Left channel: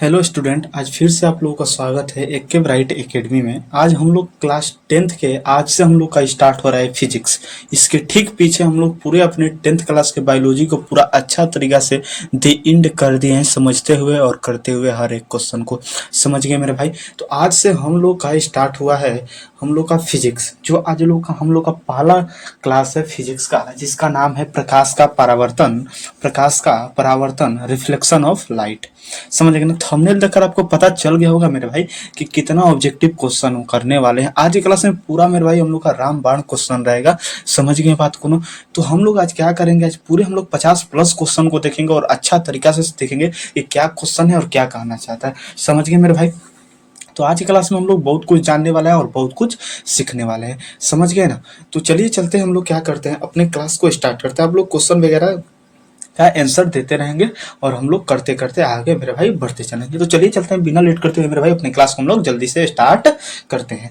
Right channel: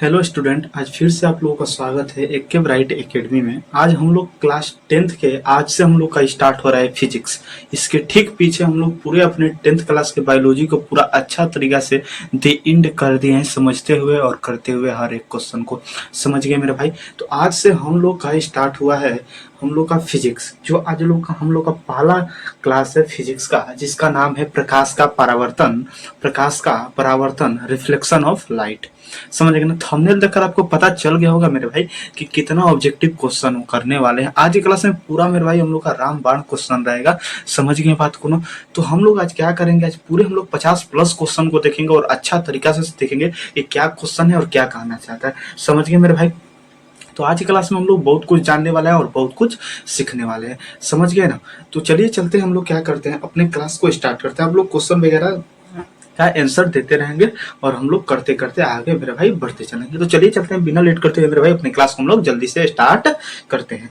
Hello student, आज फिर से आप लोगों का स्वागत है एक के ब्राइट एकेडमी में। आज हम लोग क्लास 10th के आज से हम लोग का स्टार्ट हो रहा है फिजिक्स। इसके ठीक पीछे हम लोग पूरे अपने 10th क्लास के बायोलॉजी को पूरा अच्छा तरीका से द एंड कर दिए हैं, समझते हुए और करते हुए हर एक क्वेश्चन को। समझ गए मेरे भाई? तो आज से हम लोग का स्टार्ट हुआ है हम लोग का फिजिक्स, जो आज हम लोग का पहला क्लास है फिजिक्स का, जिसका नाम है प्रकाश का परावर्तन रिफ्लेक्शन ऑफ लाइट। समझ गए ना? थंबनेल देखकर आपको पता चल गया होगा मेरे भाई कि कितना ऑब्जेक्टिव क्वेश्चन करने वाले हैं आज की क्लास में। पूरा मेरे भाई हम लोग का रामबाण क्वेश्चन रहेगा। समझ गए बात को ना? तो हम लोग आज क्या करेंगे, आज पूरे हम लोग 50+ क्वेश्चन को देखेंगे और अच्छा तरीका से देखेंगे कि क्या क्वेश्चन है और क्या कहना चाहता है। समझ गए मेरे भाई? तो आज की क्लास में हम लोग बहुत कुछ जानने वाले हैं और बहुत कुछ सीखने वाले हैं। समझ गए ना? तो चलिए चलते हैं, हम लोग क्या करते हैं, अपने क्लास को स्टार्ट करते हैं। आप लोग क्वेश्चन वगैरह का आंसर देते रहेंगे और हम लोग करते करते आगे मेरे भाई बढ़ते चलेंगे। तो चलिए चलते हैं, बिना लेट करते हुए मेरे भाई अपने क्लास को हम लोग जल्दी से स्टार्ट करते हैं।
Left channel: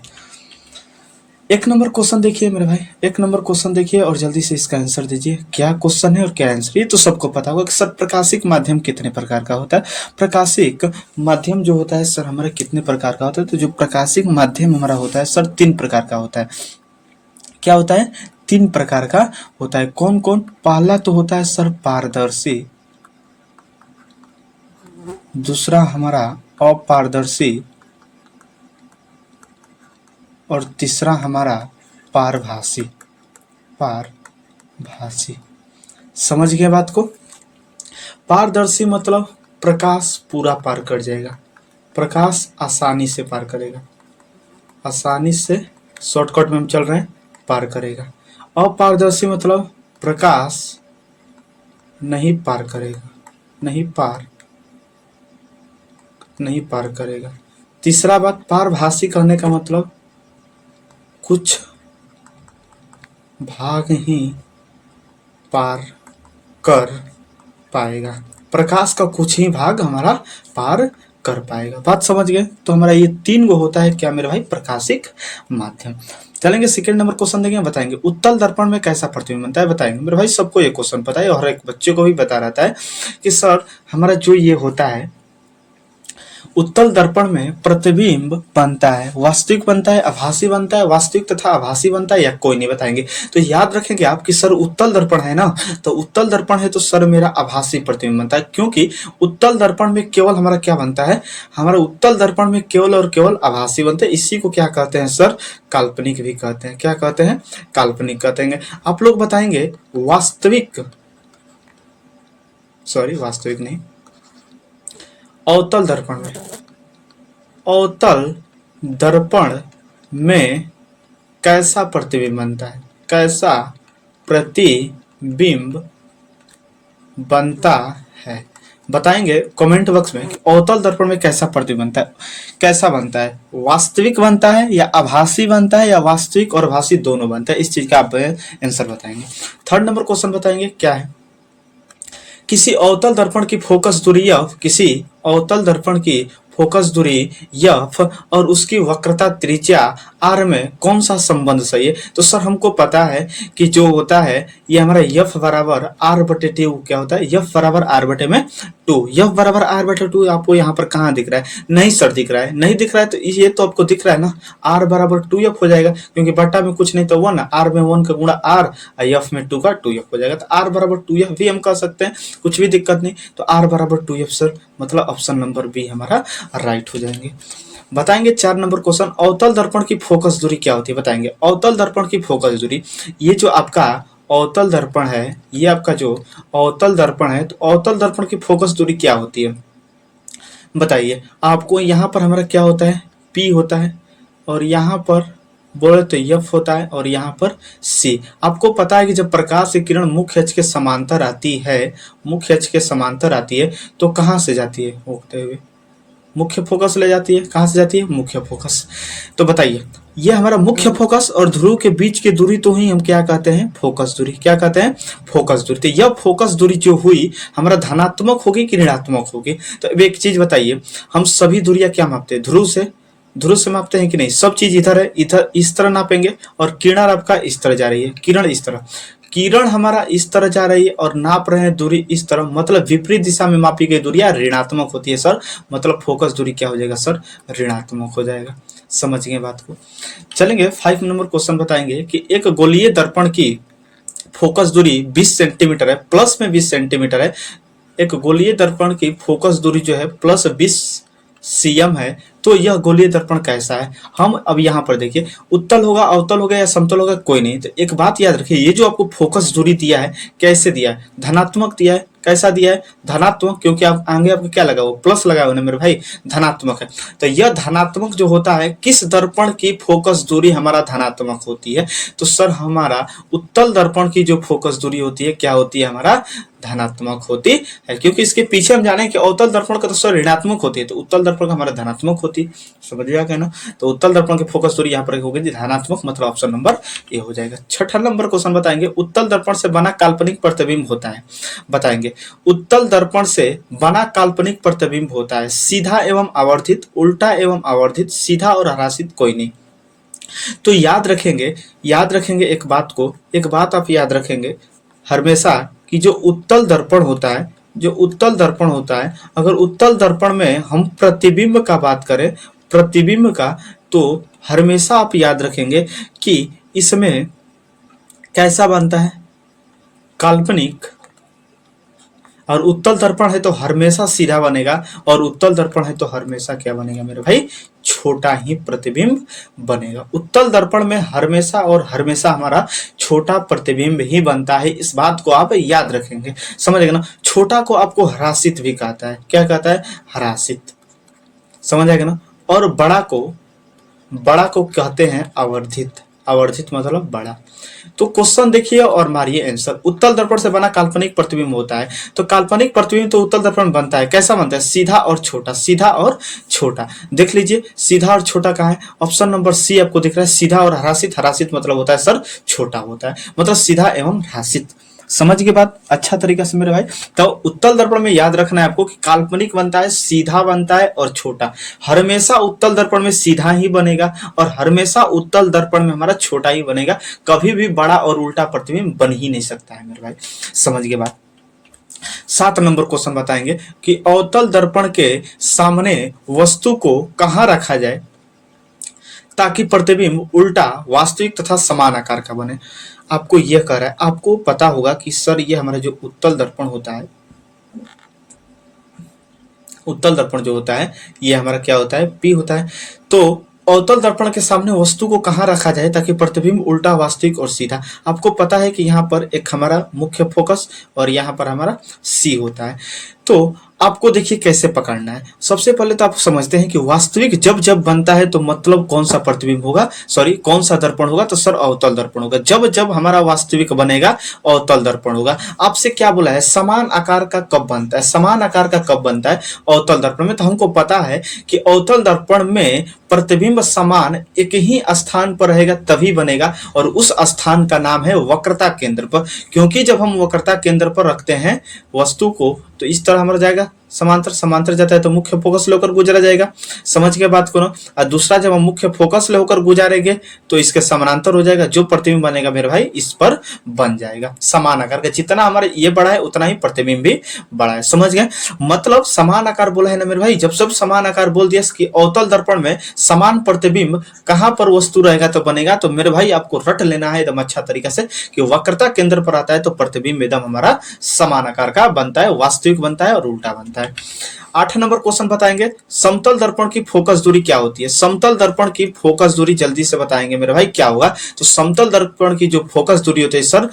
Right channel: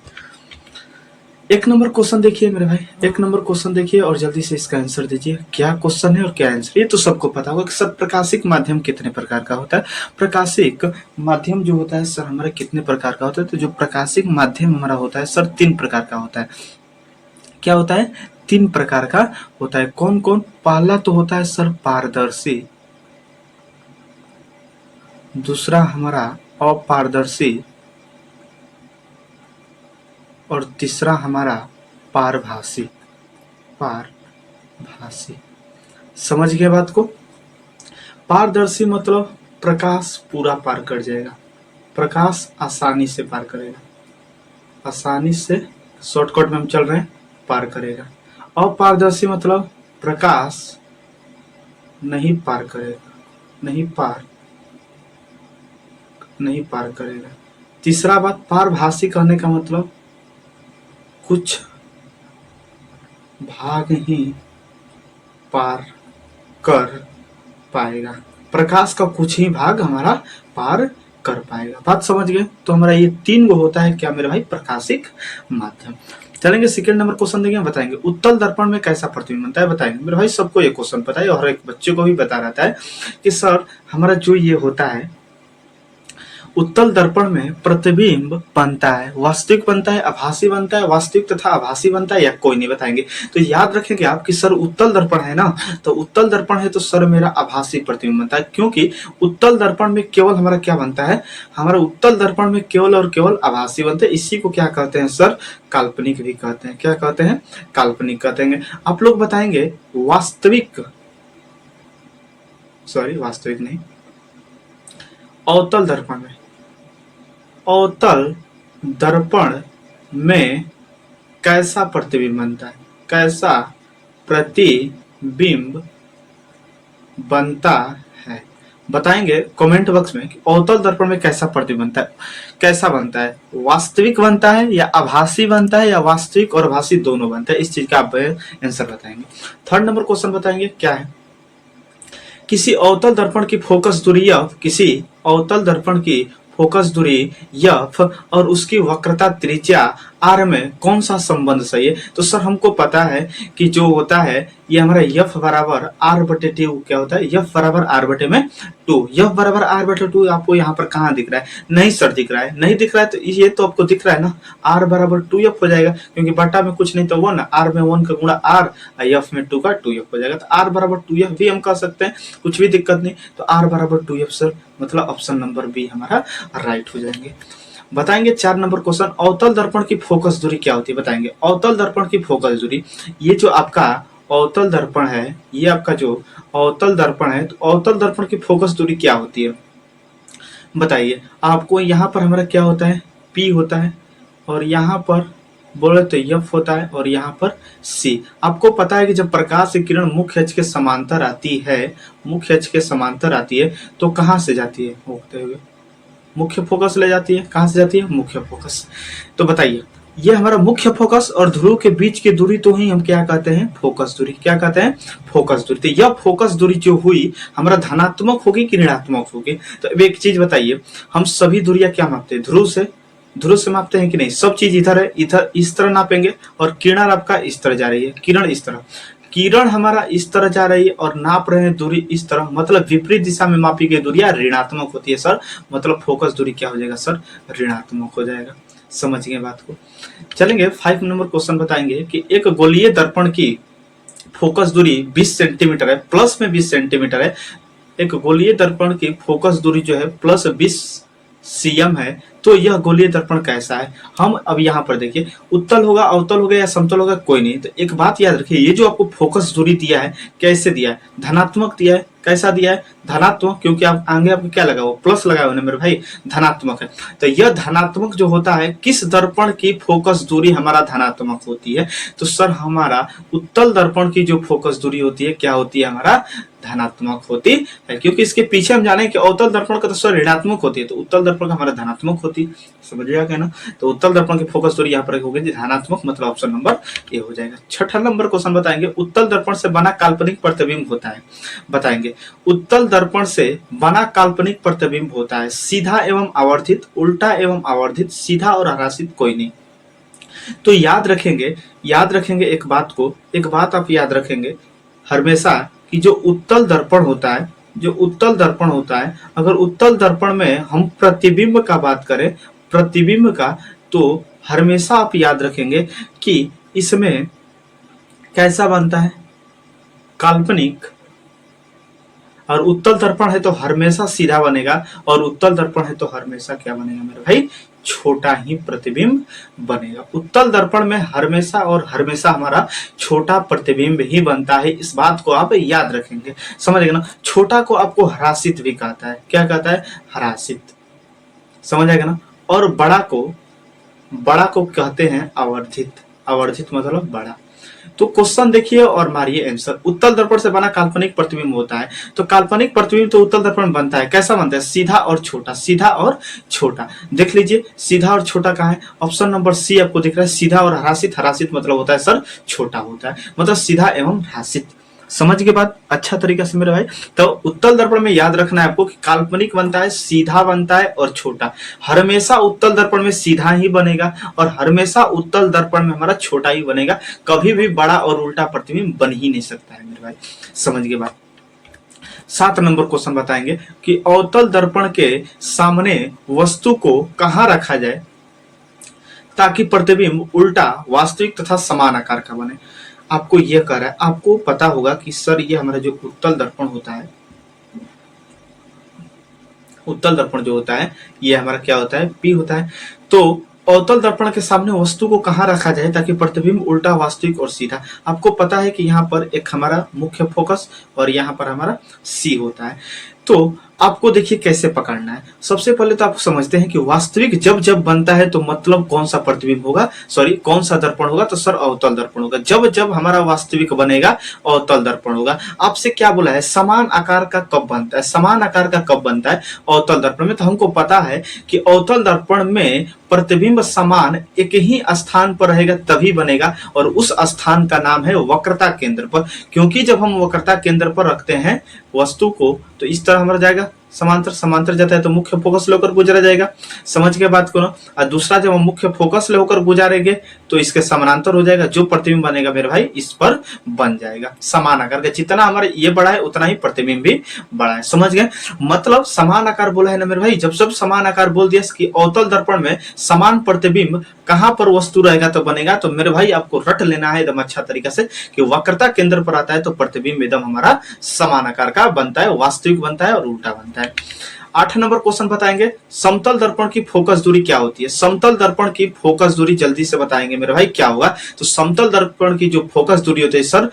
एक नंबर क्वेश्चन देखिए मेरे भाई, एक नंबर क्वेश्चन देखिए और जल्दी से इसका आंसर दीजिए। क्या क्वेश्चन है और क्या आंसर? ये तो सबको पता होगा कि सर प्रकाशिक माध्यम कितने प्रकार का होता है। प्रकाशिक माध्यम जो होता है सर हमारा कितने प्रकार का होता है? तो जो प्रकाशिक माध्यम हमारा होता है सर 3 प्रकार का होता है। क्या होता है? 3 प्रकार का होता है। कौन कौन? पहला तो होता है सर पारदर्शी, दूसरा हमारा अपारदर्शी और तीसरा हमारा पारभासी। पारभासी। समझ गए बात को? पारदर्शी मतलब प्रकाश पूरा पार कर जाएगा, प्रकाश आसानी से पार करेगा, आसानी से, शॉर्टकट में हम चल रहे हैं, पार करेगा। अपारदर्शी मतलब प्रकाश नहीं पार करेगा, नहीं पार करेगा। तीसरा बात, पारभासी कहने का मतलब कुछ भाग ही पार कर पाएगा, प्रकाश का कुछ ही भाग हमारा पार कर पाएगा। बात समझ गए? तो हमारा ये 3 गो होता है क्या मेरे भाई? प्रकाशिक माध्यम। चलेंगे सेकंड नंबर क्वेश्चन देंगे, बताएंगे उत्तल दर्पण में कैसा प्रतिबिंब बनता है। बताएंगे मेरे भाई, सबको ये क्वेश्चन पता है और हर एक बच्चे को भी पता रहता है कि सर हमारा जो ये होता है उत्तल दर्पण में प्रतिबिंब बनता है, वास्तविक बनता है, आभासी बनता है, वास्तविक तथा आभासी बनता है, या कोई नहीं? बताएंगे। तो याद रखेंगे आप कि सर उत्तल दर्पण है ना, तो उत्तल दर्पण है तो सर मेरा आभासी प्रतिबिंब बनता है, क्योंकि उत्तल दर्पण में केवल हमारा क्या बनता है? हमारा उत्तल दर्पण में केवल और केवल आभासी बनता है। इसी को क्या कहते हैं सर? काल्पनिक भी कहते हैं। क्या कहते हैं? काल्पनिक कहते हैं। आप लोग बताएंगे वास्तविक नहीं, अवतल दर्पण में, अवतल दर्पण में कैसा प्रतिबिंब बनता है? कैसा प्रतिबिंब बनता है? बताएंगे कमेंट बॉक्स में कि अवतल दर्पण में कैसा प्रतिबिंब बनता है। कैसा बनता है? वास्तविक बनता है या आभासी बनता है या वास्तविक और आभासी दोनों बनता है? इस चीज का आप आंसर बताएंगे। थर्ड नंबर क्वेश्चन बताएंगे क्या है? किसी अवतल दर्पण की फोकस दूरी f, किसी अवतल दर्पण की फोकस दूरी f और उसकी वक्रता त्रिज्या r में कौन सा संबंध सही है? तो सर हमको पता है कि जो होता है ये हमारा f बराबर r बटे टू, क्या होता है? f बराबर r बटे में 2। f बराबर r बटे 2 आपको यहाँ पर कहाँ दिख रहा है? नहीं सर दिख रहा है, नहीं दिख रहा है। तो ये तो आपको दिख रहा है ना, r बराबर 2f हो जाएगा, क्योंकि बटा में कुछ नहीं तो 1, r में 1 का गुणा r, f में 2 का 2f हो जाएगा। तो r बराबर 2f भी हम कह सकते हैं, कुछ भी दिक्कत नहीं। तो r बराबर 2f सर, मतलब ऑप्शन नंबर बी हमारा राइट हो जाएंगे। बताएंगे 4 नंबर क्वेश्चन, अवतल दर्पण की फोकस दूरी क्या होती है? बताएंगे अवतल दर्पण की फोकस दूरी, ये जो आपका अवतल दर्पण है, ये आपका जो अवतल दर्पण है, तो अवतल दर्पण की फोकस दूरी क्या होती है? बताइए आपको। यहाँ पर हमारा क्या होता है? P होता है, और यहाँ पर बोले तो F होता है, और यहाँ पर C। आपको पता है कि जब प्रकाश की किरण मुख्य अक्ष के समांतर आती है, मुख्य अक्ष के समांतर आती है, तो कहाँ से जाती है? होते हुए मुख्य फोकस ले जाती है। कहाँ से जाती है? मुख्य फोकस। तो बताइए, ये हमारा मुख्य फोकस और ध्रुव के बीच की दूरी तो ही हम क्या कहते हैं? फोकस दूरी। क्या कहते हैं? फोकस दूरी। तो यह फोकस दूरी जो हुई हमारा धनात्मक होगी कि ऋणात्मक होगी? तो अब एक चीज बताइए, हम सभी दूरियां क्या मापते हैं? ध्रुव से मापते हैं कि नहीं? सब चीज इधर है, इधर इस तरह नापेंगे, और किरण आपका इस तरह जा रही है, किरण इस तरह, किरण हमारा इस तरह जा रही है और नाप रहे हैं दूरी इस तरह, मतलब विपरीत दिशा में मापी गई दूरी ऋणात्मक होती है सर, मतलब फोकस दूरी क्या हो जाएगा सर, ऋणात्मक हो जाएगा। समझ गए बात को। चलेंगे 5 नंबर क्वेश्चन बताएंगे कि एक गोलीय दर्पण की फोकस दूरी 20 सेंटीमीटर है, प्लस में 20 सेंटीमीटर है। एक गोलीय दर्पण की फोकस दूरी जो है प्लस 20 cm है, तो यह गोलीय दर्पण कैसा है। हम अब यहाँ पर देखिए, उत्तल होगा, अवतल होगा या समतल होगा, कोई नहीं। तो एक बात याद रखिए, ये जो आपको फोकस दूरी दिया है कैसे दिया है, धनात्मक दिया है। कैसा दिया है, धनात्मक, क्योंकि आप आगे आपको क्या लगा, वो प्लस लगा हुआ है मेरे भाई, धनात्मक है। तो यह धनात्मक जो होता है, किस दर्पण की फोकस दूरी हमारा धनात्मक होती है, तो सर हमारा उत्तल दर्पण की जो फोकस दूरी होती है क्या होती है, हमारा धनात्मक होती है। क्योंकि इसके पीछे हम जाने कि अवतल दर्पण का तो सर ऋणात्मक होती है, तो उत्तल दर्पण का हमारा धनात्मक होती है। समझिएगा क्या ना। तो उत्तल दर्पण की फोकस दूरी यहाँ पर होगी धनात्मक, मतलब ऑप्शन नंबर ए हो जाएगा। 6 नंबर क्वेश्चन बताएंगे, उत्तल दर्पण से बना काल्पनिक प्रतिबिंब होता है। बताएंगे, उत्तल दर्पण से बना काल्पनिक प्रतिबिंब होता है सीधा एवं आवर्धित, उल्टा एवं आवर्धित, सीधा और हरासित कोई नहीं। तो याद रखेंगे एक बात को, एक बात आप याद रखेंगे हमेशा कि जो उत्तल दर्पण होता है, अगर उत्तल दर्पण में हम प्रतिबिंब का बात करें, प्रतिबिंब का, तो हमेशा आप याद रखेंगे कि इसमें कैसा बनता है, काल्पनिक। और उत्तल दर्पण है तो हमेशा सीधा बनेगा, और उत्तल दर्पण है तो हमेशा क्या बनेगा मेरे भाई, छोटा ही प्रतिबिंब बनेगा। उत्तल दर्पण में हमेशा और हमेशा हमारा छोटा प्रतिबिंब ही बनता है, इस बात को आप याद रखेंगे। समझ गए ना। छोटा को आपको हरासित भी कहता है, क्या कहता है, हरासित। समझ आएगा ना। और बड़ा को कहते हैं आवर्धित, आवर्धित मतलब बड़ा। तो क्वेश्चन देखिए और मारिए आंसर। उत्तल दर्पण से बना काल्पनिक प्रतिबिंब होता है, तो काल्पनिक प्रतिबिंब तो उत्तल दर्पण बनता है, कैसा बनता है, सीधा और छोटा, सीधा और छोटा। देख लीजिए सीधा और छोटा कहाँ है, ऑप्शन नंबर सी आपको दिख रहा है, सीधा और हरासित। हरासित मतलब होता है सर छोटा होता है, मतलब सीधा एवं हरासित। समझ के बात अच्छा तरीके से मेरे भाई। तो उत्तल दर्पण में याद रखना है आपको कि काल्पनिक बनता है, सीधा बनता है और छोटा। हमेशा उत्तल दर्पण में सीधा ही बनेगा और हमेशा उत्तल दर्पण में हमारा छोटा ही बनेगा, कभी भी बड़ा और उल्टा प्रतिबिंब बन ही नहीं सकता है मेरे भाई। समझ के बात। 7 नंबर क्वेश्चन बताएंगे कि अवतल दर्पण के सामने वस्तु को कहाँ रखा जाए ताकि प्रतिबिंब उल्टा, वास्तविक तथा समान आकार का बने। आपको यह कह रहा है, आपको पता होगा कि सर ये हमारा जो उत्तल दर्पण होता है, उत्तल दर्पण जो होता है ये हमारा क्या होता है, पी होता है। तो अवतल दर्पण के सामने वस्तु को कहाँ रखा जाए ताकि प्रतिबिंब उल्टा, वास्तविक और सीधा। आपको पता है कि यहाँ पर एक हमारा मुख्य फोकस और यहाँ पर हमारा सी होता है। तो आपको देखिए कैसे पकड़ना है। सबसे पहले तो आप समझते हैं कि वास्तविक जब जब बनता है तो मतलब कौन सा प्रतिबिंब होगा, सॉरी कौन सा दर्पण होगा, तो सर अवतल दर्पण होगा। जब जब हमारा वास्तविक बनेगा अवतल दर्पण होगा। आपसे क्या बोला है, समान आकार का कब बनता है, समान आकार का कब बनता है, अवतल दर्पण में। तो हमको पता है कि अवतल दर्पण में प्रतिबिंब समान एक ही स्थान पर रहेगा तभी बनेगा, और उस स्थान का नाम है वक्रता केंद्र पर। क्योंकि जब हम वक्रता केंद्र पर रखते हैं वस्तु को तो इस तरह हमारा जाएगा, समांतर, समांतर जाता है तो मुख्य फोकस लेकर गुजरा जाएगा। समझ के बात को ना। और दूसरा जब हम मुख्य फोकस लेकर गुजारेंगे तो इसके समानांतर हो जाएगा, जो प्रतिबिंब बनेगा मेरे भाई इस पर बन जाएगा समान आकार का। जितना हमारे ये बड़ा है उतना ही प्रतिबिंब भी बड़ा है। समझ गए, मतलब समान आकार बोला है ना मेरे भाई। जब सब समान आकार बोल दिया कि अवतल दर्पण में समान प्रतिबिंब कहां पर वस्तु रहेगा तो बनेगा, तो मेरे भाई आपको रट लेना है एकदम अच्छा तरीका से कि वक्रता केंद्र पर आता है तो प्रतिबिंब एकदम हमारा समान आकार का बनता है, वास्तविक बनता है और उल्टा बनता है। 8 नंबर क्वेश्चन बताएंगे, समतल दर्पण की फोकस दूरी क्या होती है। समतल दर्पण की फोकस दूरी जल्दी से बताएंगे मेरे भाई क्या होगा। तो समतल दर्पण की जो फोकस दूरी होती है सर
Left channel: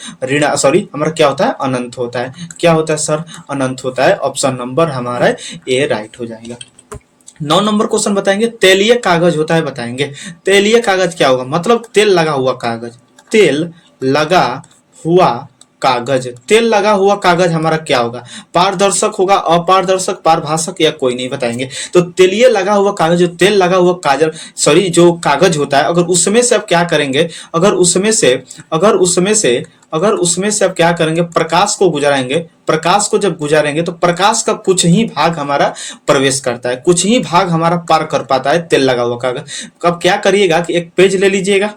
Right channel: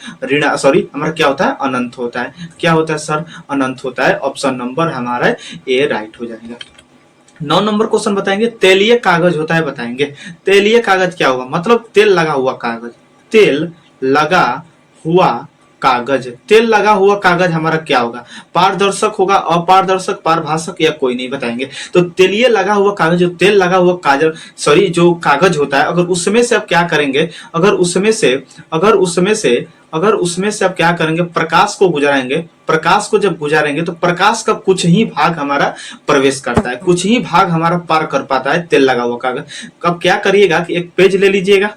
हमारा क्या होता है, अनंत होता है। क्या होता है सर, अनंत होता है। ऑप्शन नंबर हमारा ए राइट हो जाएगा। 9 नंबर क्वेश्चन बताएंगे, तेलीय कागज होता है। बताएंगे तेलीय कागज क्या होगा, मतलब तेल लगा हुआ कागज। तेल लगा हुआ कागज, तेल लगा हुआ कागज हमारा क्या होगा, पारदर्शक होगा, अपारदर्शक, पारभाषक या कोई नहीं। बताएंगे तो तेलीय लगा हुआ कागज, जो तेल लगा हुआ कागज जो कागज होता है, अगर उसमें से आप क्या करेंगे, अगर उसमें से आप क्या करेंगे, प्रकाश को गुजारेंगे। प्रकाश को जब गुजारेंगे तो प्रकाश का कुछ ही भाग हमारा प्रवेश करता है, कुछ ही भाग हमारा पार कर पाता है तेल लगा हुआ कागज। अब क्या करिएगा कि एक पेज ले लीजिएगा,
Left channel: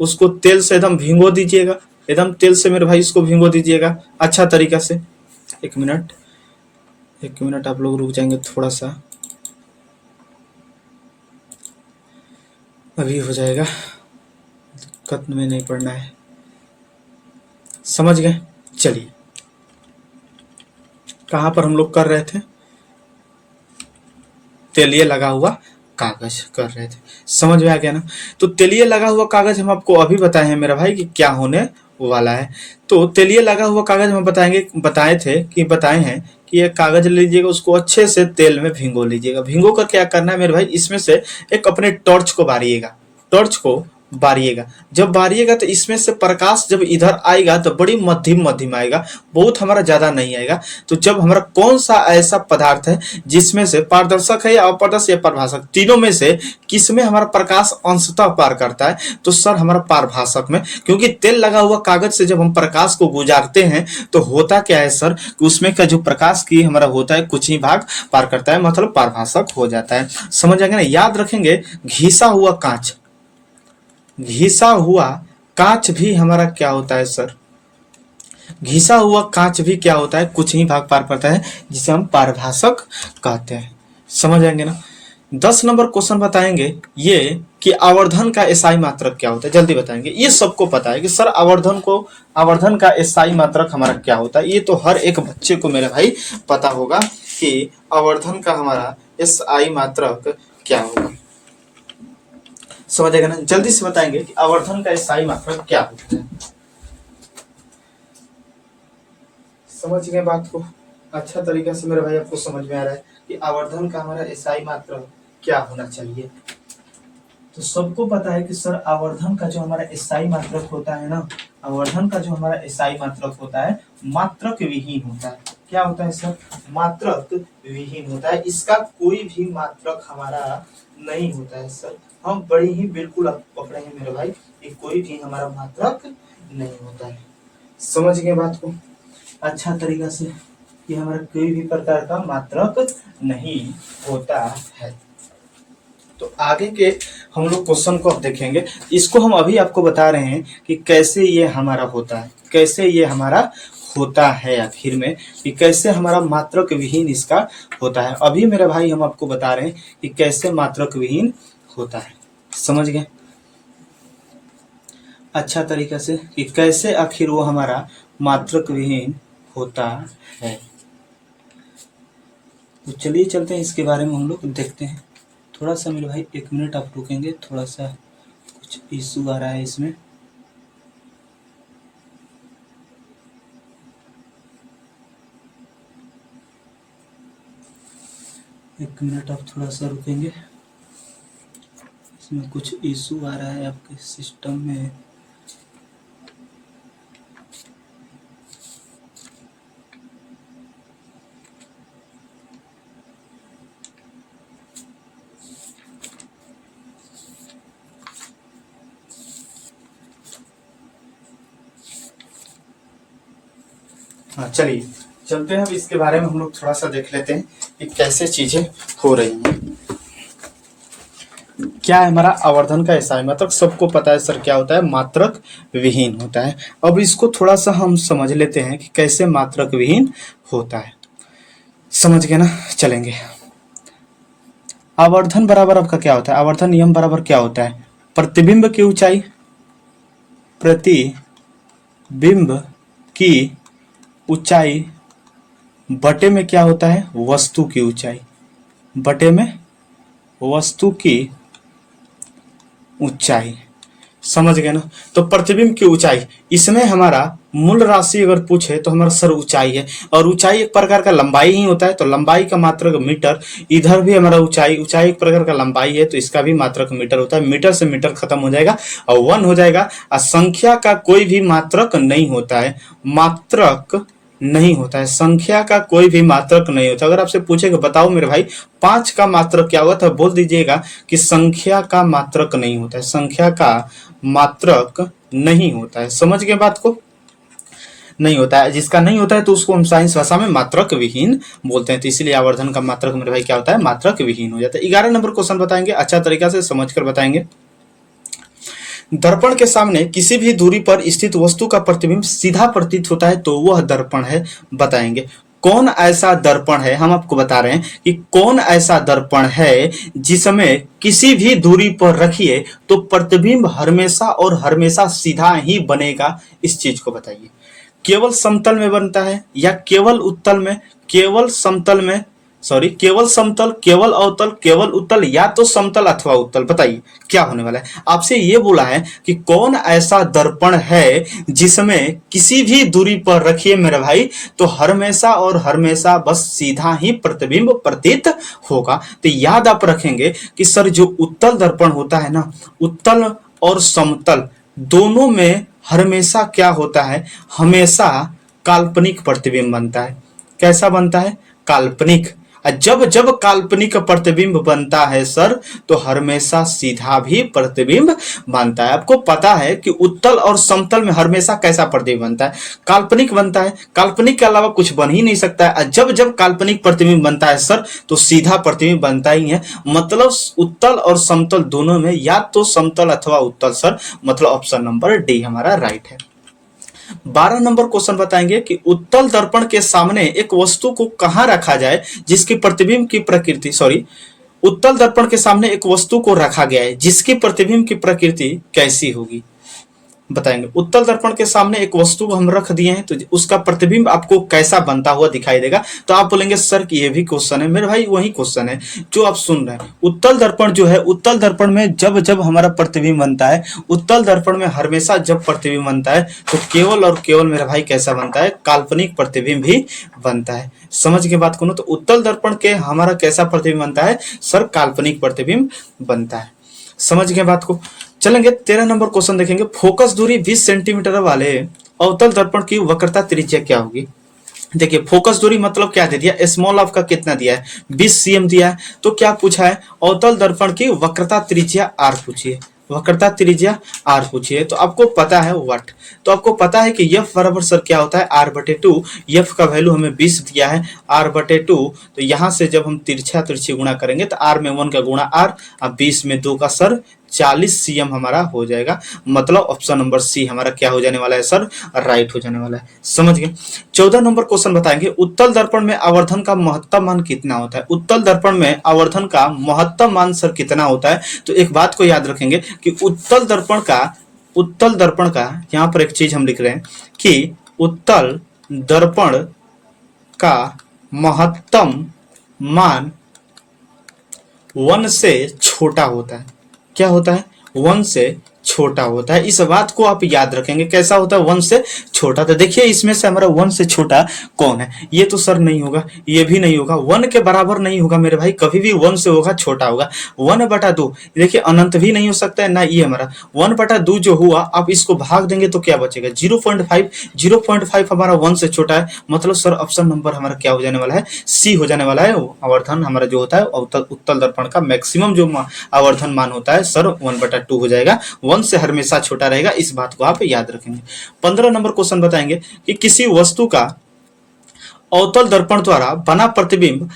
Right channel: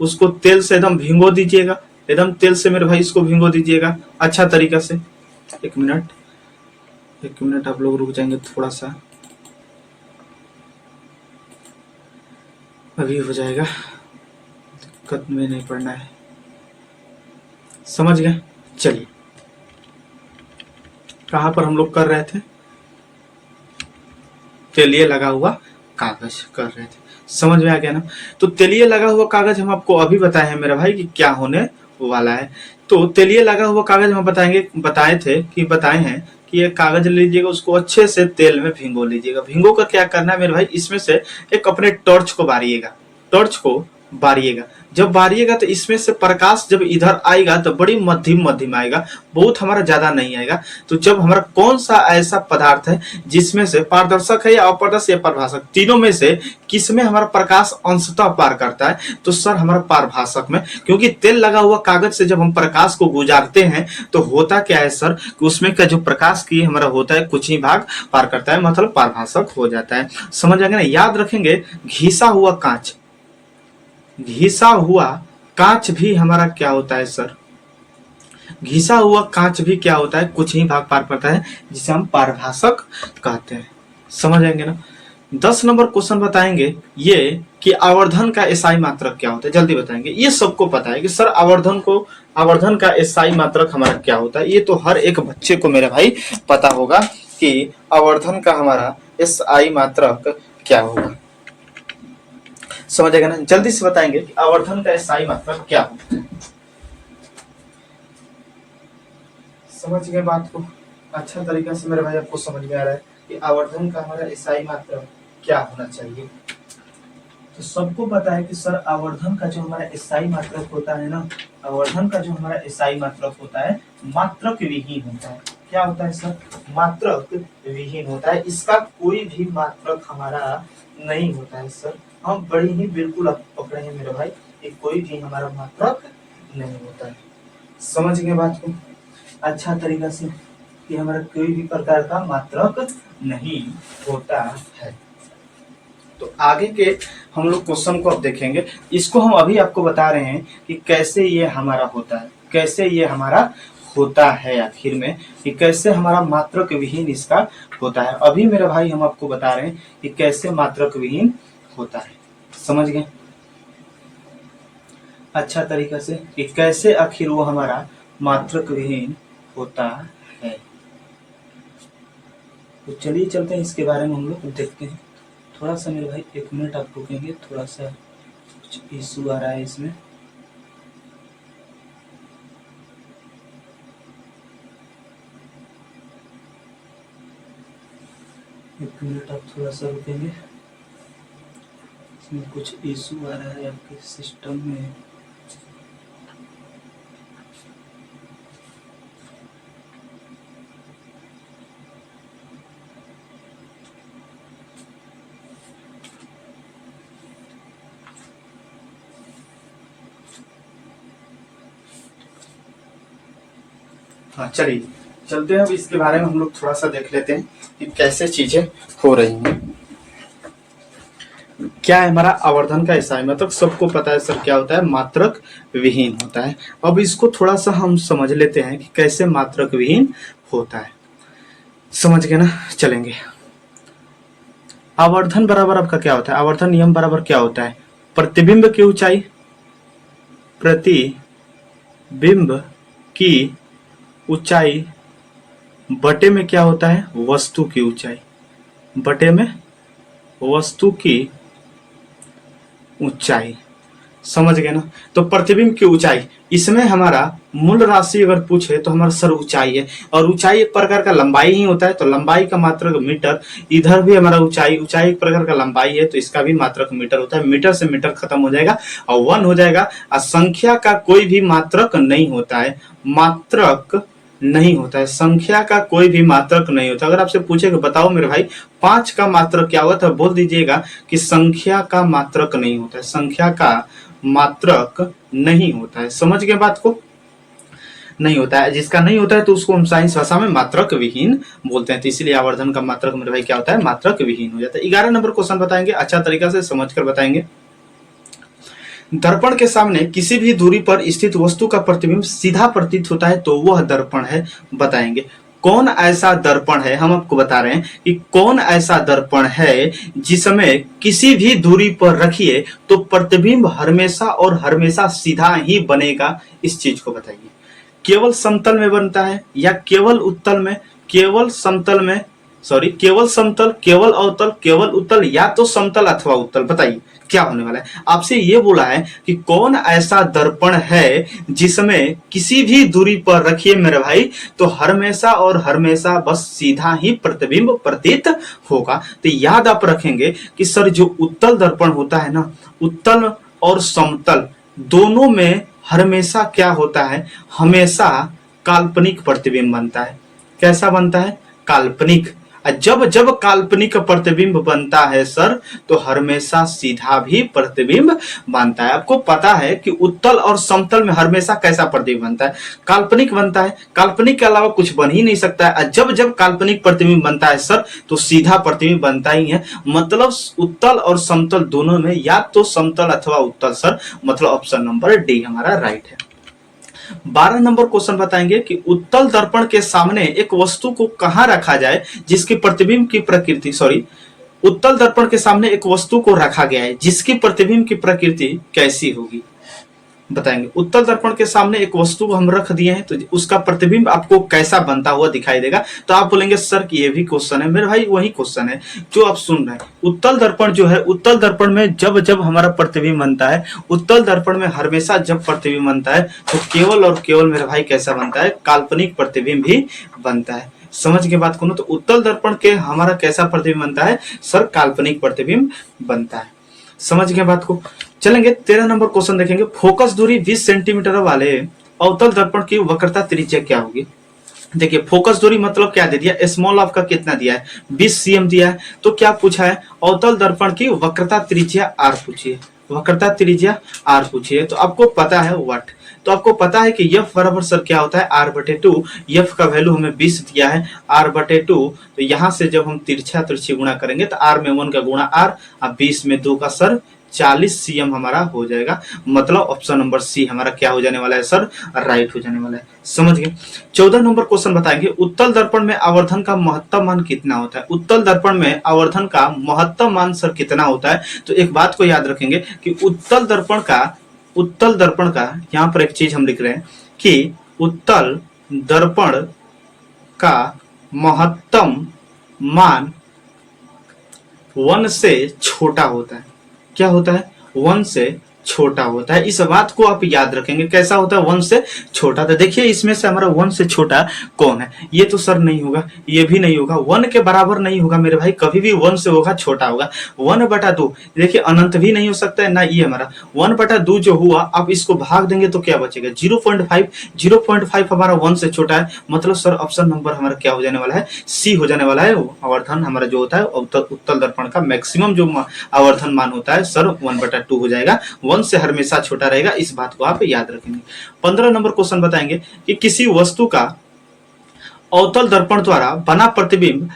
उसको तेल से एकदम भिगो दीजिएगा, एकदम तेल से मेरे भाई इसको भिगो दीजिएगा अच्छा तरीका से। 1 मिनट, 1 मिनट आप लोग रुक जाएंगे थोड़ा सा, अभी हो जाएगा, दिक्कत में नहीं पड़ना है, समझ गए। चलिए कहाँ पर हम लोग कर रहे थे, तेलिए लगा हुआ कागज कर रहे थे, समझ में आ गया ना। तो तेलिए लगा हुआ कागज हम आपको अभी बताए हैं मेरा भाई कि क्या होने वाला है। तो तेलिए लगा हुआ कागज हम बताए हैं कि ये कागज लीजिएगा, उसको अच्छे से तेल में भिगो लीजिएगा। भिगो कर क्या करना है मेरे भाई, इसमें से एक अपने टॉर्च को बारिएगा, टॉर्च को बारिएगा। जब बारिएगा तो इसमें से प्रकाश जब इधर आएगा तो बड़ी मध्यम मध्यम आएगा, बहुत हमारा ज्यादा नहीं आएगा। तो जब हमारा कौन सा ऐसा पदार्थ है जिसमें से पारदर्शक है या अपारदर्शक या पारभाषक, तीनों में से किस में हमारा प्रकाश अंशतः पार करता है, तो सर हमारा पारभाषक में। क्योंकि तेल लगा हुआ कागज से जब हम प्रकाश को गुजारते हैं तो होता क्या है सर, कि उसमें का जो प्रकाश की हमारा होता है कुछ ही भाग पार करता है, मतलब पारभाषक हो जाता है। समझ आएंगे ना। याद रखेंगे घिसा हुआ कांच, घिसा हुआ कांच भी हमारा क्या होता है सर, घिसा हुआ कांच भी क्या होता है, कुछ ही भाग पार करता है, जिसे हम पारभाषक कहते हैं। समझ आएंगे ना। 10 नंबर क्वेश्चन बताएंगे ये कि आवर्धन का एसआई मात्रक क्या होता है, जल्दी बताएंगे। ये सबको पता है कि सर आवर्धन का एसआई मात्रक हमारा क्या होता है, ये तो हर एक बच्चे को मेरे भाई पता होगा कि आवर्धन का हमारा एसआई मात्रक क्या होगा। समझ आएगा ना। जल्दी से बताएंगे कि आवर्धन का एसआई मात्रक क्या होता है। समझ गए बात को अच्छा तरीका से मेरे भाई, आपको समझ में आ रहा है कि आवर्धन का हमारा एसआई मात्रक क्या होना चाहिए। तो सबको पता है कि सर आवर्धन का जो हमारा एसआई मात्रक होता है ना, आवर्धन का जो हमारा एसआई मात्रक होता है मात्रक विहीन होता है। क्या होता है सर, मात्रक विहीन होता है। इसका कोई भी मात्रक हमारा नहीं होता है सर। हम बड़ी ही बिल्कुल आप पकड़े हैं मेरे भाई कि कोई भी हमारा मात्रक नहीं होता है। समझ गए बात को अच्छा तरीका से कि हमारा कोई भी प्रकार का मात्रक नहीं होता है। तो आगे के हम लोग क्वेश्चन को अब देखेंगे। इसको हम अभी आपको बता रहे हैं कि कैसे ये हमारा होता है, कैसे ये हमारा होता है आखिर में, कि कैसे हमारा मात्रक विहीन इसका होता है। अभी मेरे भाई हम आपको बता रहे हैं कि कैसे मात्रक विहीन होता है। समझ गए अच्छा तरीका से कि कैसे आखिर वो हमारा मात्रक विहीन होता है। तो चलिए चलते हैं, इसके बारे में हम लोग देखते हैं। थोड़ा सा मेरे भाई 1 मिनट आप रुकेंगे, थोड़ा सा कुछ इशू आ रहा है इसमें। एक मिनट आप थोड़ा सा रुकेंगे, इसमें कुछ इशू आ रहा है आपके सिस्टम में। हाँ चलिए चलते हैं, अब इसके बारे में हम लोग थोड़ा सा देख लेते हैं कि कैसे चीजें हो रही हैं। क्या है हमारा आवर्धन का एसआई मात्रक, सबको पता है सर क्या होता है, मात्रक विहीन होता है। अब इसको थोड़ा सा हम समझ लेते हैं कि कैसे मात्रक विहीन होता है। समझ गए ना। चलेंगे, आवर्धन बराबर आपका क्या होता है, आवर्धन नियम बराबर क्या होता है, प्रतिबिंब की ऊंचाई, प्रतिबिंब की ऊंचाई बटे में क्या होता है, वस्तु की ऊंचाई, बटे में वस्तु की ऊंचाई। समझ गए ना। तो प्रतिबिंब की ऊंचाई, इसमें हमारा मूल राशि अगर पूछे तो हमारा सर ऊंचाई है, और ऊंचाई एक प्रकार का लंबाई ही होता है, तो लंबाई का मात्रक मीटर। इधर भी हमारा ऊंचाई एक प्रकार का लंबाई है, तो इसका भी मात्रक मीटर होता है। मीटर से मीटर खत्म हो जाएगा और 1 हो जाएगा। और संख्या का कोई भी मात्रक नहीं होता है, मात्रक नहीं होता है, संख्या का कोई भी मात्रक नहीं होता। अगर आपसे पूछेगा बताओ मेरे भाई 5 का मात्रक क्या हुआ, तो बोल दीजिएगा कि संख्या का मात्रक नहीं होता है, संख्या का मात्रक नहीं होता है। समझ गए बात को, नहीं होता है। जिसका नहीं होता है तो उसको हम साइंस भाषा में मात्रक विहीन बोलते हैं। तो इसलिए आवर्धन का मात्रक मेरे भाई क्या होता है, मात्रक विहीन हो जाता है। 11 नंबर क्वेश्चन बताएंगे, अच्छा तरीका से समझकर बताएंगे। दर्पण के सामने किसी भी दूरी पर स्थित वस्तु का प्रतिबिंब सीधा प्रतीत होता है तो वह दर्पण है, बताएंगे। कौन ऐसा दर्पण है, हम आपको बता रहे हैं कि कौन ऐसा दर्पण है जिसमें किसी भी दूरी पर रखिए तो प्रतिबिंब हमेशा और हमेशा सीधा ही बनेगा, इस चीज को बताइए। केवल समतल में बनता है या केवल उत्तल में, केवल समतल में, सॉरी केवल समतल, केवल अवतल, केवल उत्तल, या तो समतल अथवा उत्तल, बताइए क्या होने वाला है। आपसे ये बोला है कि कौन ऐसा दर्पण है जिसमें किसी भी दूरी पर रखिए मेरे भाई तो हमेशा और हमेशा बस सीधा ही प्रतिबिंब प्रतीत होगा। तो याद आप रखेंगे कि सर जो उत्तल दर्पण होता है ना, उत्तल और समतल दोनों में हमेशा क्या होता है, हमेशा काल्पनिक प्रतिबिंब बनता है। कैसा बनता है, काल्पनिक। जब जब काल्पनिक प्रतिबिंब बनता है सर तो हमेशा सीधा भी प्रतिबिंब बनता है। आपको पता है कि उत्तल और समतल में हमेशा कैसा प्रतिबिंब बनता है, काल्पनिक बनता है। काल्पनिक के अलावा कुछ बन ही नहीं सकता है। जब जब काल्पनिक प्रतिबिंब बनता है सर तो सीधा प्रतिबिंब बनता ही है। मतलब उत्तल और समतल दोनों में या तो समतल अथवा उत्तल सर, मतलब ऑप्शन नंबर डी हमारा राइट है। 12 नंबर क्वेश्चन बताएंगे कि उत्तल दर्पण के सामने एक वस्तु को कहां रखा जाए जिसकी प्रतिबिंब की प्रकृति, सॉरी उत्तल दर्पण के सामने एक वस्तु को रखा गया है जिसकी प्रतिबिंब की प्रकृति कैसी होगी, बताएंगे। उत्तल दर्पण के सामने एक वस्तु को हम रख दिए हैं तो उसका प्रतिबिंब आपको कैसा बनता हुआ दिखाई देगा। तो आप बोलेंगे सर कि ये भी क्वेश्चन है, मेरे भाई वही क्वेश्चन है जो आप सुन रहे हैं। उत्तल दर्पण जो है, उत्तल दर्पण में जब जब हमारा प्रतिबिंब बनता है, उत्तल दर्पण में हमेशा जब प्रतिबिंब बनता है तो केवल और केवल मेरा भाई कैसा बनता है, काल्पनिक प्रतिबिंब भी बनता है। समझ के बात करूं तो उत्तल दर्पण के हमारा कैसा प्रतिबिंब बनता है सर, काल्पनिक प्रतिबिंब बनता है। समझ गए बात को। चलेंगे 13 नंबर क्वेश्चन देखेंगे। फोकस दूरी 20 सेंटीमीटर वाले अवतल दर्पण की वक्रता त्रिज्या क्या होगी। देखिए फोकस दूरी मतलब क्या दे दिया, स्मॉल ऑफ का कितना दिया है, 20 cm दिया है। तो क्या पूछा है, अवतल दर्पण की वक्रता त्रिज्या r पूछिए, वक्रता त्रिज्या r पूछिए। तो आपको पता है वट, तो आपको पता है कि f बराबर सर क्या होता है r/2। f का वैल्यू हमें 20 दिया है, r/2। तो यहाँ से जब हम तिरछी गुणा करेंगे तो r में 1 का गुणा r, अब 20 में 2 का सर 40 cm हमारा हो जाएगा। मतलब ऑप्शन नंबर सी हमारा क्या हो जाने वाला है सर, राइट हो जाने वाला है। समझ गए। 14 नंबर क्वेश्चन बताएंगे। उत्तल दर्पण में आवर्धन का महत्तम मान कितना होता है। उत्तल दर्पण में आवर्धन का महत्तम मान सर कितना होता है। तो एक बात को याद रखेंगे कि उत्तल दर्पण का यहाँ पर एक चीज हम लिख रहे हैं कि उत्तल दर्पण का महत्तम मान 1 से छोटा होता है। क्या होता है, 1 से छोटा होता है। इस बात को आप याद रखेंगे, कैसा होता है, 1 से छोटा। तो देखिए इसमें से हमारा 1 से छोटा कौन है, ये तो सर नहीं होगा, ये भी नहीं होगा, 1 के बराबर नहीं होगा मेरे भाई, कभी भी 1 से होगा छोटा होगा। 1/2 देखिए अनंत भी नहीं हो सकता है ना, ये हमारा 1/2 जो हुआ, आप इसको भाग देंगे तो क्या बचेगा 0.5। 0.5 हमारा 1 से छोटा है। मतलब सर ऑप्शन नंबर हमारा क्या हो जाने वाला है, सी हो जाने वाला है। आवर्धन हमारा जो होता है उत्तल दर्पण का मैक्सिमम जो आवर्धन मान होता है सर 1/2 हो जाएगा, 1 से हमेशा छोटा रहेगा। इस बात को आप याद रखेंगे। 15 नंबर क्वेश्चन बताएंगे कि किसी वस्तु का अवतल दर्पण द्वारा बना प्रतिबिंब,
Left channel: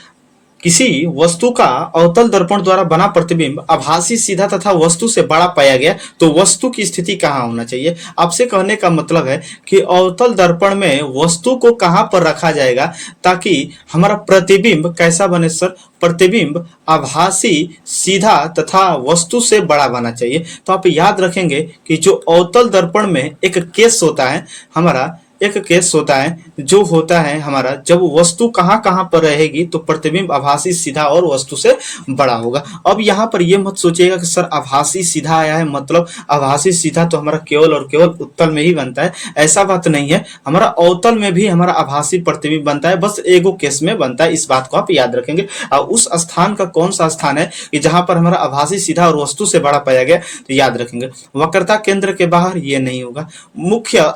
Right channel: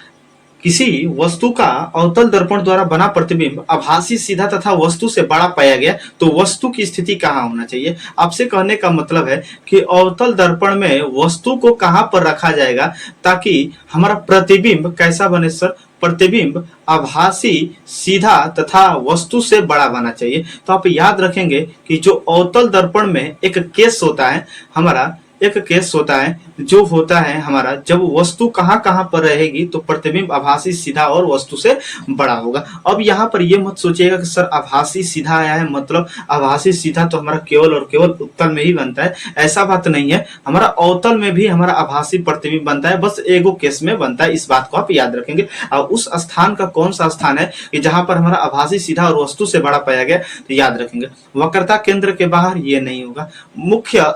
किसी वस्तु का अवतल दर्पण द्वारा बना प्रतिबिंब आभासी सीधा तथा वस्तु से बड़ा पाया गया तो वस्तु की स्थिति कहाँ होना चाहिए। आपसे कहने का मतलब है कि अवतल दर्पण में वस्तु को कहाँ पर रखा जाएगा ताकि हमारा प्रतिबिंब कैसा बने सर, प्रतिबिंब आभासी सीधा तथा वस्तु से बड़ा बना चाहिए। तो आप याद रखेंगे कि जो अवतल दर्पण में एक केस होता है हमारा, एक केस होता है जो होता है हमारा जब वस्तु कहाँ कहाँ पर रहेगी तो प्रतिबिंब आभासी सीधा और वस्तु से बड़ा होगा। अब यहाँ पर ये मत सोचिएगा कि सर आभासी सीधा आया है मतलब आभासी सीधा तो हमारा केवल और केवल उत्तल में ही बनता है, ऐसा बात नहीं है। हमारा अवतल में भी हमारा आभासी प्रतिबिंब बनता है, बस एगो केस में बनता है। इस बात को आप याद रखेंगे। और उस स्थान का कौन सा स्थान है कि जहां पर हमारा आभासी सीधा और वस्तु से बड़ा पाया गया, तो याद रखेंगे वक्रता केंद्र के बाहर ये नहीं होगा। मुख्य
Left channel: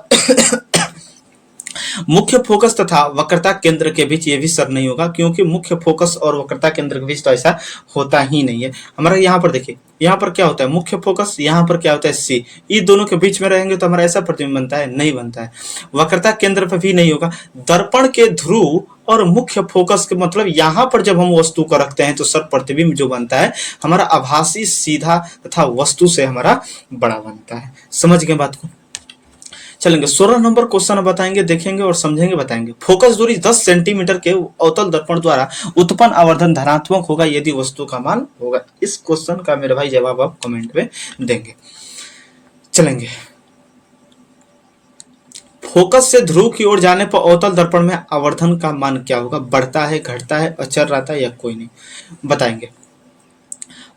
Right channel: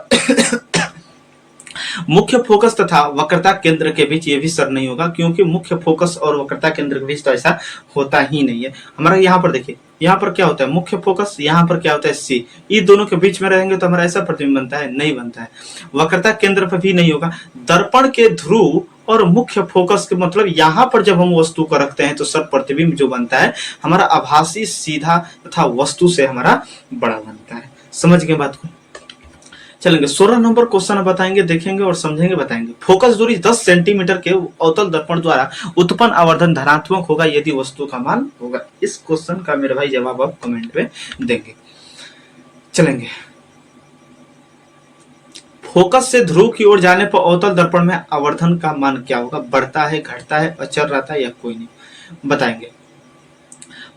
मुख्य फोकस तथा वक्रता केंद्र के बीच ये भी सर नहीं होगा, क्योंकि मुख्य फोकस और वक्रता केंद्र के बीच तो ऐसा होता ही नहीं है। हमारा यहाँ पर देखिए, यहाँ पर क्या होता है मुख्य फोकस, यहाँ पर क्या होता है सी, ये दोनों के बीच में रहेंगे तो हमारा ऐसा प्रतिबिंब बनता है, नहीं बनता है। वक्रता केंद्र पर भी नहीं होगा। दर्पण के ध्रुव और मुख्य फोकस के मतलब यहाँ पर जब हम वस्तु को रखते हैं तो सर प्रतिबिंब जो बनता है हमारा आभासी, सीधा तथा वस्तु से हमारा बड़ा बनता है। समझ गए बात को? चलेंगे 16 नंबर क्वेश्चन बताएंगे, देखेंगे और समझेंगे, बताएंगे। फोकस दूरी 10 सेंटीमीटर के अवतल दर्पण द्वारा उत्पन्न आवर्धन धनात्मक होगा यदि वस्तु का मान होगा। इस क्वेश्चन का मेरे भाई जवाब आप कमेंट में देंगे। चलेंगे, फोकस से ध्रुव की ओर जाने पर अवतल दर्पण में आवर्धन का मान क्या होगा? बढ़ता है, घटता है, अचर रहता है या कोई नहीं? बताएंगे।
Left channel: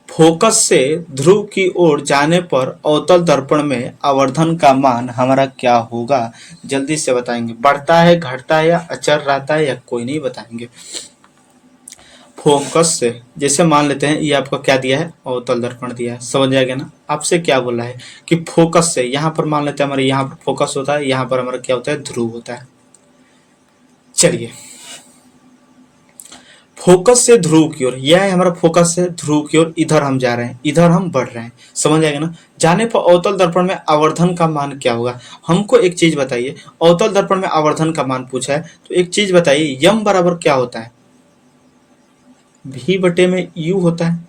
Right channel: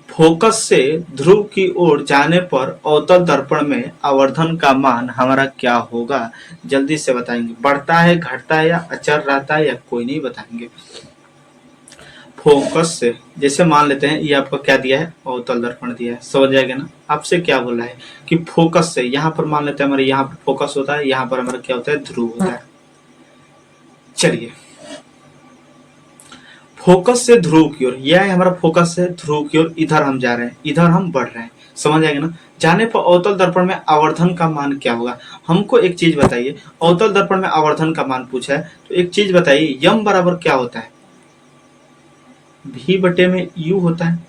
फोकस से ध्रुव की ओर जाने पर अवतल दर्पण में आवर्धन का मान हमारा क्या होगा? जल्दी से बताएंगे। बढ़ता है, घटता है या अचर रहता है या कोई नहीं? बताएंगे। फोकस से, जैसे मान लेते हैं ये आपको क्या दिया है, अवतल दर्पण दिया है, समझ जाएगा ना। आपसे क्या बोला है कि फोकस से, यहाँ पर मान लेते हैं हमारे यहाँ पर फोकस होता है, यहाँ पर हमारा क्या होता है, ध्रुव होता है। चलिए, फोकस से ध्रुव की ओर, यह है हमारा फोकस से ध्रुव की ओर, इधर हम जा रहे हैं, इधर हम बढ़ रहे हैं, समझ आएगा ना। जाने पर अवतल दर्पण में आवर्धन का मान क्या होगा? हमको एक चीज बताइए, अवतल दर्पण में आवर्धन का मान पूछा है तो एक चीज बताइए, यम बराबर क्या होता है? भी बटे में यू होता है,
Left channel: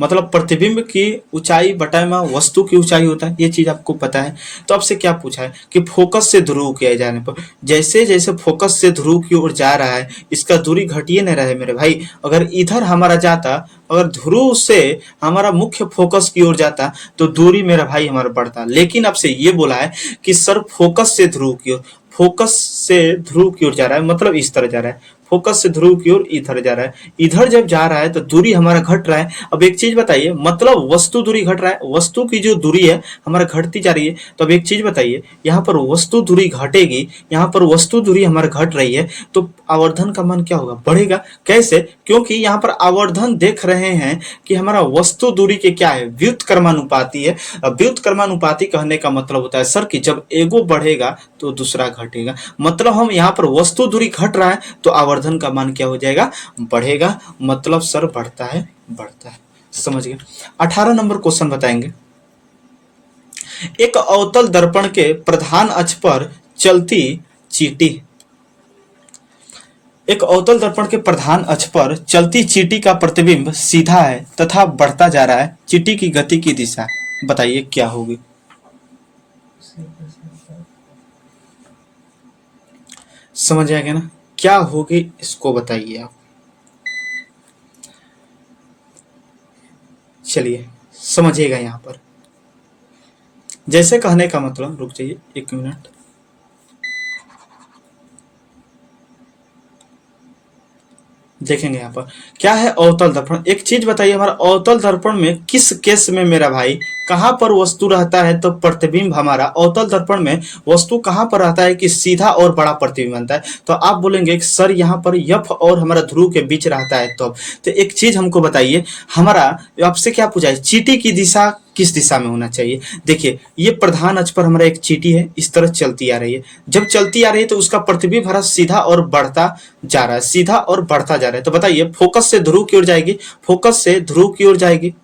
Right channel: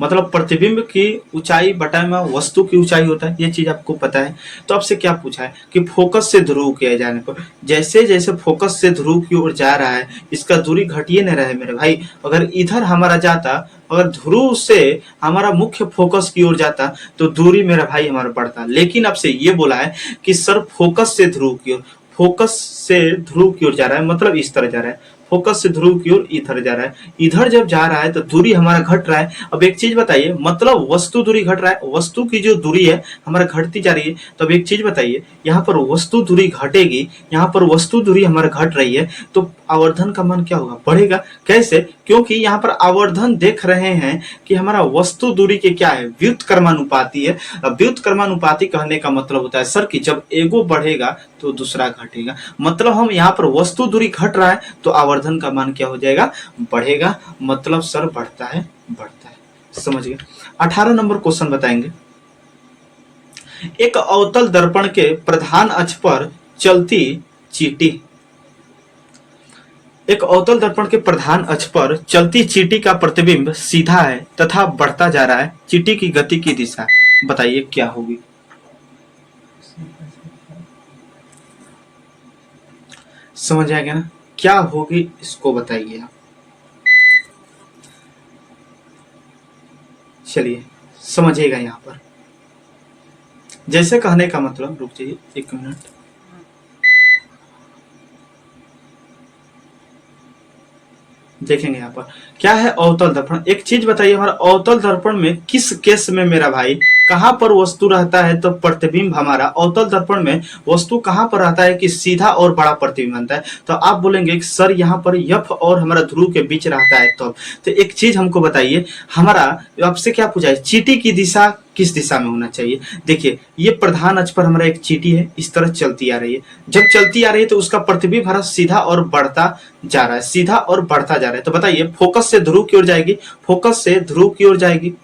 मतलब प्रतिबिंब की ऊंचाई बटा में वस्तु की ऊंचाई होता है, ये चीज आपको पता है। तो आपसे क्या पूछा है कि फोकस से ध्रुव किया जाने पर, जैसे जैसे फोकस से ध्रुव की ओर जा रहा है इसका दूरी घटिए नहीं रहे मेरे भाई। अगर इधर हमारा जाता, अगर ध्रुव से हमारा मुख्य फोकस की ओर जाता तो दूरी मेरा भाई हमारा बढ़ता। लेकिन आपसे ये बोला है कि सर फोकस से ध्रुव की ओर, फोकस से ध्रुव की ओर जा रहा है मतलब इस तरह जा रहा है, फोकस से ध्रुव की ओर इधर जा रहा है, इधर जब जा रहा है तो दूरी हमारा घट रहा है। अब एक चीज बताइए, मतलब वस्तु दूरी घट रहा है, वस्तु की जो दूरी है हमारा घटती जा रही है। तो अब एक चीज बताइए, यहाँ पर वस्तु दूरी घटेगी, यहाँ पर वस्तु दूरी हमारे घट रही है तो आवर्धन का मान क्या होगा? बढ़ेगा। कैसे? क्योंकि यहाँ पर आवर्धन देख रहे हैं कि हमारा वस्तु दूरी के क्या है, व्युत्क्रमानुपाती है। व्युत्क्रमानुपाती कहने का मतलब होता है सर कि जब एगो बढ़ेगा तो दूसरा घटेगा, मतलब हम यहाँ पर वस्तु दूरी घट रहा है तो आवर्धन का मान क्या हो जाएगा? बढ़ेगा, मतलब सर बढ़ता है, बढ़ता है। समझ गए? 18 नंबर क्वेश्चन बताएंगे। एक अवतल दर्पण के प्रधान अक्ष पर चलती चींटी, एक अवतल दर्पण के प्रधान अक्ष पर चलती चींटी का प्रतिबिंब सीधा है तथा बढ़ता जा रहा है। चींटी की गति की दिशा बताइए क्या होगी? समझ आएगा ना, क्या होगी इसको बताइए आप। चलिए समझिएगा, यहाँ पर जैसे कहने का मतलब, रुक जाइए 1 मिनट, देखेंगे यहाँ पर क्या है अवतल दर्पण। एक चीज बताइए, हमारा अवतल दर्पण में किस केस में मेरा भाई कहां पर वस्तु रहता है तो प्रतिबिंब हमारा अवतल दर्पण में वस्तु कहां पर रहता है कि सीधा और बड़ा प्रतिबिंब बनता है? तो आप बोलेंगे कि सर यहाँ पर यफ और हमारा ध्रुव के बीच रहता है। तो एक चीज हमको बताइए, हमारा आपसे क्या पूछा है, चींटी की दिशा किस दिशा में होना चाहिए? देखिए ये प्रधान अक्ष पर हमारा एक चींटी है, इस तरह चलती आ रही है, जब चलती आ रही है तो उसका प्रतिबिंब हमारा सीधा और बढ़ता जा रहा है, सीधा और बढ़ता जा रहा है। तो बताइए फोकस से ध्रुव की ओर जाएगी, फोकस से ध्रुव की ओर जाएगी,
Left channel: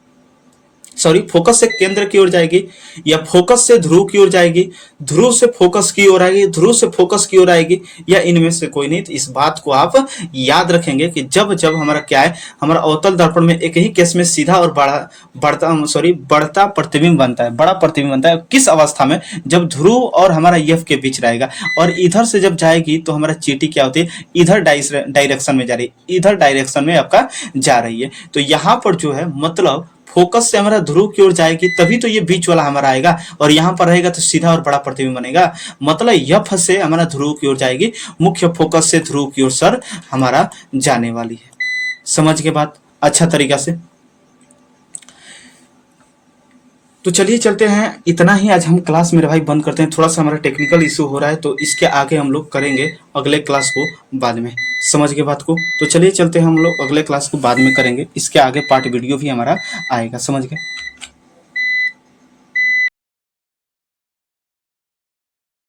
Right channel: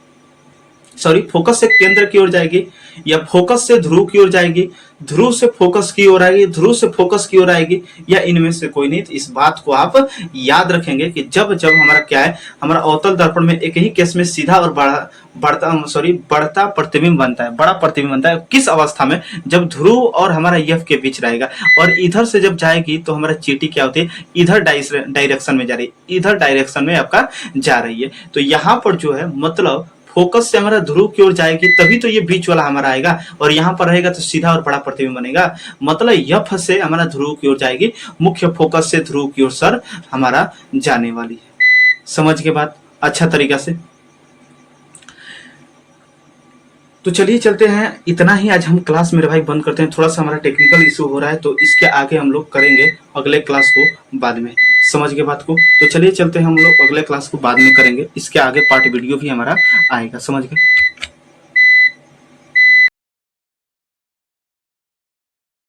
सॉरी फोकस से केंद्र की ओर जाएगी, या फोकस से ध्रुव की ओर जाएगी, ध्रुव से फोकस की ओर आएगी, ध्रुव से फोकस की ओर आएगी, या इनमें से कोई नहीं? तो इस बात को आप याद रखेंगे कि जब जब हमारा क्या है, हमारा अवतल दर्पण में एक ही केस में सीधा और बढ़ता प्रतिबिंब बनता है, बड़ा प्रतिबिंब बनता है। किस अवस्था में? जब ध्रुव और हमारा यफ के बीच रहेगा, और इधर से जब जाएगी तो हमारा चींटी क्या होती है, इधर डायरेक्शन में जा रही है, इधर डायरेक्शन में आपका जा रही है। तो यहाँ पर जो है मतलब फोकस से हमारा ध्रुव की ओर जाएगी तभी तो ये बीच वाला हमारा आएगा, और यहाँ पर रहेगा तो सीधा और बड़ा प्रतिबिंब बनेगा। मतलब यफ से हमारा ध्रुव की ओर जाएगी, मुख्य फोकस से ध्रुव की ओर सर हमारा जाने वाली है। समझ के बात अच्छा तरीका से? तो चलिए चलते हैं, इतना ही आज हम क्लास मेरे भाई बंद करते हैं। थोड़ा सा हमारा टेक्निकल इशू हो रहा है तो इसके आगे हम लोग करेंगे अगले क्लास को बाद में। समझ गए बात को? तो चलिए चलते हैं, हम लोग अगले क्लास को बाद में करेंगे, इसके आगे पार्ट वीडियो भी हमारा आएगा। समझ गए?